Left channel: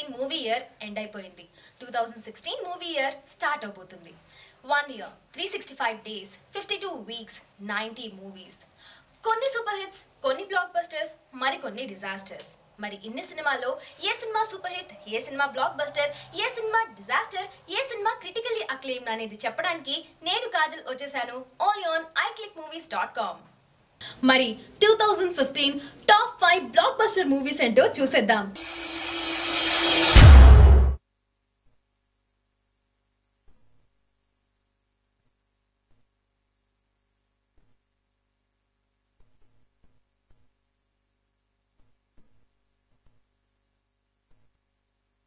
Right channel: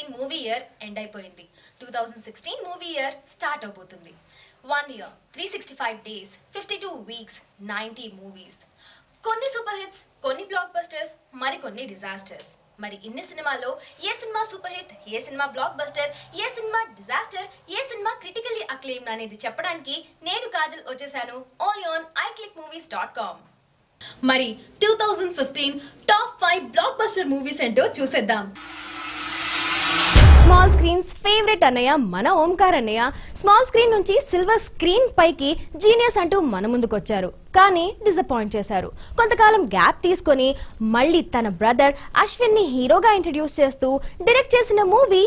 2015 movie year end అయిపోయింది. 2016 movie year start అవబోతుంది. 1 year, 365 days, 52 weeks, 90 movies. కొన్ని super hits, కొన్ని బ్లాక్ బస్టర్స్, మరికొన్ని డిజాస్టర్స్. మరి ఇన్ని సినిమాల్లో ఏ సినిమా సూపర్ హిట్, ఏ సినిమా బ్లాక్ బస్టర్, ఏ సినిమా డిజాస్టర్, ఏ సినిమా క్రిటికల్లీ అక్లెయిమ్డ్ అనేది చెప్పడానికి నేను కాజల్ వచ్చేసాను ఓన్లీ ఆన్ iClickMovies.com. మరి 2015 టాప్ 5 బ్లాక్ బస్టర్ మూవీస్ ఏంటో చూసేద్దాం. స్మాల్ స్క్రీన్స్ ఫేవరెట్ అన్నయ్య మన ఓంకార్ అన్నయ్య స్మాల్ స్క్రీన్ నుంచి సిల్వర్ స్క్రీన్ పైకి జీనియస్ అంటూ మన ముందుకొచ్చారు. కానీ డిసప్పాయింట్ చేశారు. కొంతకాలం గ్యాప్ తీసుకొని మళ్ళీ తన బ్రదర్ అశ్విన్ ని హీరోగా ఇంట్రడ్యూస్ చేస్తూ డైరెక్ట్ చేసిన మూవీ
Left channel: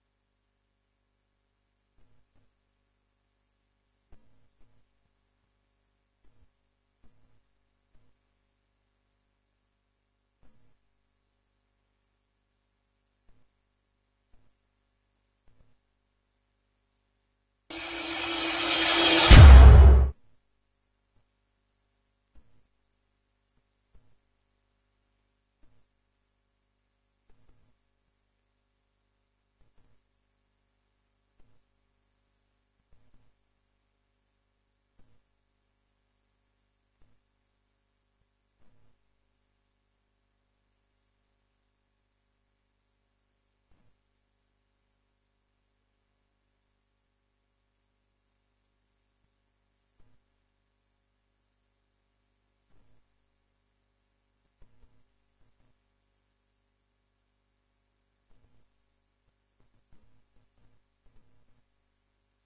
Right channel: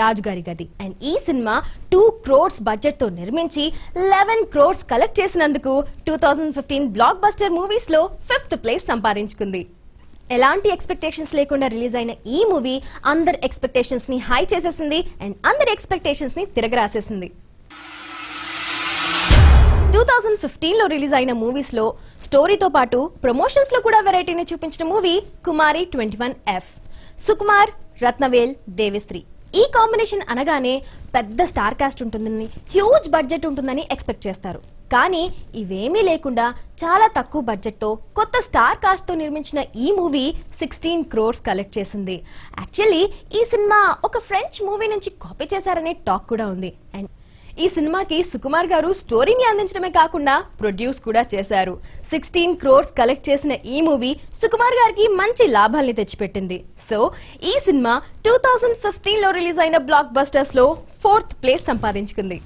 రాజుగారి గది. అండ్ ఈ సినిమా 2 crores బడ్జెట్ తో నిర్మించి 11 crores కలెక్ట్ చేసినందుకు 2015 బ్లాక్ బస్టర్ మూవీస్ లో 5th ప్లేస్ సంపాదించుకుంది. ఎలాంటి ఎక్స్పెక్టేషన్స్ లేకుండా రిలీజ్ అయిన ఈ మూవీ అందరి ఎక్స్పెక్టేషన్స్ ని హై చేసేసింది అండ్ అందరి ఎక్స్పెక్టేషన్స్ ని తిరగరాసేసింది. 2015 లో రిలీజ్ అయిన మూవీస్ లో స్టోరీతో పాటు ప్రమోషన్స్ లో కూడా వెరైటీని చూపించిన మూవీ కుమారి 21F. సుకుమార్, రత్నవేల్, దేవిశ్రీ ఈ కాంబినేషన్ అనగానే పెద్ద స్టార్ కాస్ట్ ఉంటుందని, హ్యూజ్ బడ్జెట్ ఉంటుందని ఎక్స్పెక్ట్ చేస్తారు. కానీ ఇవేమీ లేకుండా చాలా తక్కువ బడ్జెట్ తో కొత్త స్టార్ కాస్ట్ తో నిర్మించిన ఈ మూవీ 16 crores కలెక్ట్ చేసింది. యాక్చువల్లీ ఈ సినిమా ఒక ఫ్రెంచ్ మూవీ నుంచి కాపీ చేశారనే టాక్ కూడా ఉంది. అండ్ ఈ సినిమాకి సుకుమార్ గారు స్టోరీని అందించడమే కాకుండా ప్రొడ్యూస్ కూడా చేశారు. 16 crores కలెక్ట్ చేసిన ఈ మూవీ సుకుమార్ గారికి మంచి లాభాల్ని తెచ్చిపెట్టింది. సో ఈ సినిమా 2015 లో రిలీజ్ అయిన బ్లాక్ బస్టర్స్ లో 4th ప్లేస్ సంపాదించుకుంది.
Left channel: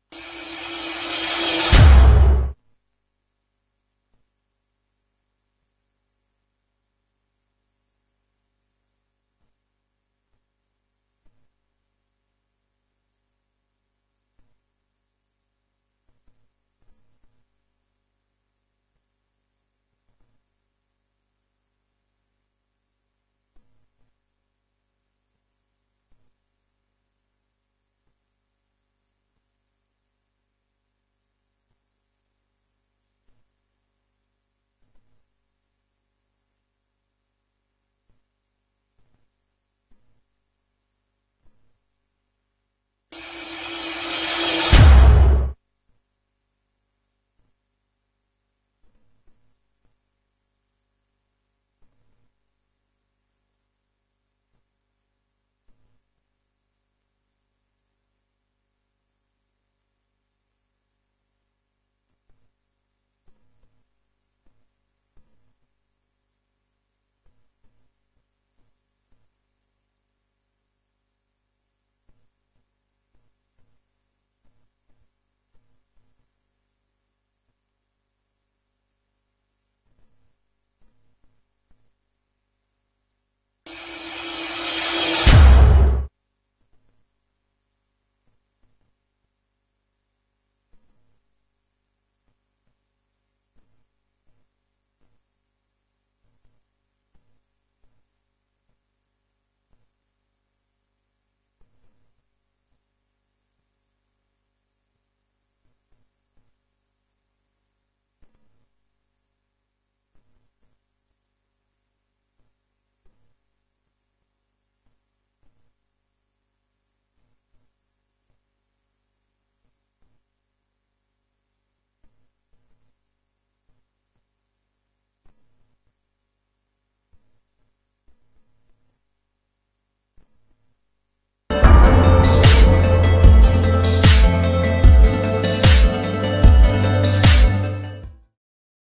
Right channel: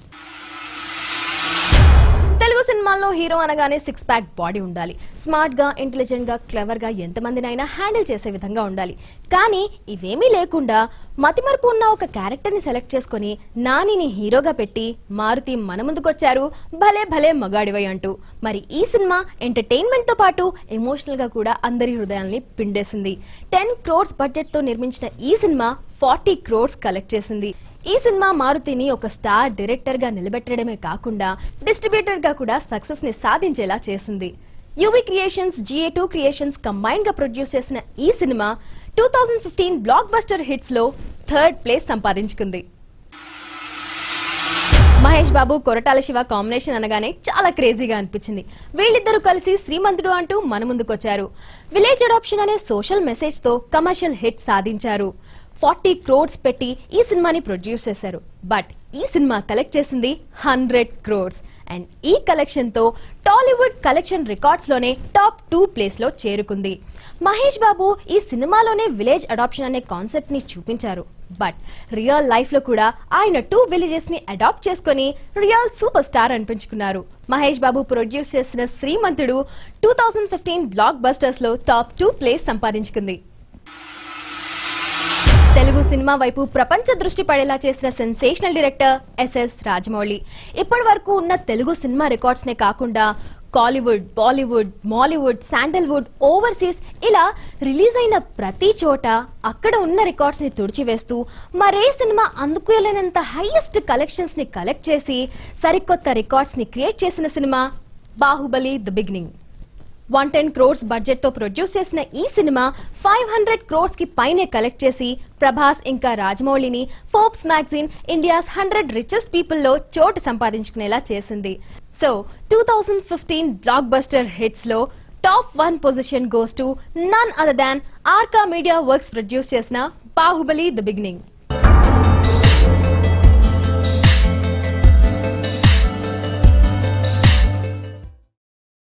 తెలుగు సినిమాల్లో హీరో అనగానే 6 pack బాడీ ఉండాలి. స్మార్ట్ గా, ఇంటెలిజెంట్ గా, క్లెవర్ గా ఎంతమందినైనా హ్యాండిల్ చేసే విధంగా ఉండాలి. కానీ ఇవేమీ లేకుండా మతిమరుపు ఉన్న ఒక క్యారెక్టర్ ని సెలెక్ట్ చేసుకుని నానిని హీరోగా పెట్టి మారుతి మన ముందుకొచ్చారు భలే భలే మగాడివై అంటూ. మరి ఈ సినిమా ఎంటర్టైన్మెంట్ తో పాటు ఎమోషనల్ గా కూడా అందరి హృదయాల్ని పిండేసింది. 10 crores బడ్జెట్ తో నిర్మించిన ఈ సినిమా 40 crores కలెక్ట్ చేసింది. ఈ సినిమా మారుతిని ఒక స్టార్ డైరెక్టర్ గా నిలబెట్టడమే కాకుండా డిస్ట్రిబ్యూటర్ గా కూడా సక్సెస్ ని సాధించేలా చేసింది. UV creations, GA2 creations combine గా ప్రొడ్యూస్ చేసిన ఈ సినిమా 2015 బ్లాక్ బస్టర్ హిట్స్ లో 3rd ప్లేస్ సంపాదించుకుంది. మహేష్ బాబు, కొరటాల శివ కాంబినేషన్ అనగానే చాలా క్రేజీగా అనిపించింది. వీళ్ళిద్దరూ కలిసి శ్రీమంతుడు అంటూ మన ముందుకొచ్చారు. విలేజ్ అడాప్షన్ అనే సోషల్ మెసేజ్ తో కమర్షియల్ హిట్ సాధించారు. 40 crores పెట్టి ఈ సినిమాని ప్రొడ్యూస్ చేశారు. బట్ ఈ సినిమా కలెక్ట్ చేసింది 100 crores. అండ్ ఈ కలెక్షన్ తో టాలీవుడ్ కలెక్షన్ రికార్డ్స్ లోనే టాప్ 2 ప్లేస్ లో చేరుకుంది. మహేష్ బాబు ఈ సినిమాలోనే విలేజ్ అడాప్షన్ అనే కాన్సెప్ట్ ని చూపించారు. బట్ రియల్ లైఫ్ లో కూడా ఆయన 2 విలేజెస్ ని అడాప్ట్ చేసుకుని real super star అనిపించుకున్నారు. Mahesh Babu produce చేసిన శ్రీమంతుడు 2015 బ్లాక్ బస్టర్స్ లో టాప్ 2 ప్లేస్ సంపాదించుకుంది. తెలుగు సినిమా వైపు ప్రపంచ దృష్టి పడేలా చేసిన సెన్సేషనల్ డైరెక్టర్ SS రాజమౌళి. ఇప్పటి వరకు ఉన్న తెలుగు సినిమా రికార్డ్స్ నే కాకుండా కాలీవుడ్, బాలీవుడ్, మాలీవుడ్, శాండల్వుడ్, ఓవర్సీస్ ఇలా రిలీజ్ అయిన ప్రతి చోట అక్కడ ఉన్న రికార్డ్స్ ని తుడిచివేస్తూ మరే సినిమా అందుకోలేనంత హైయెస్ట్ కలెక్షన్స్ ని కలెక్ట్ చేసి సరికొత్త రికార్డ్స్ ని క్రియేట్ చేసిన cinema Baahubali the beginning. 110 crores budget తో ప్రొడ్యూస్ చేసిన ఈ సినిమా 500 crores కి పైనే కలెక్ట్ చేసి ప్రభాస్ ఇంకా రాజమౌళిని Forbes magazine India's 100 richest people లో చోటు సంపాదించుకునేలా చేసింది. సో 2015 బ్లాక్ బస్టర్ హిట్స్ లో top 1 position goes to none other than Arka media works produce చేసిన బాహుబలి ది బిగినింగ్.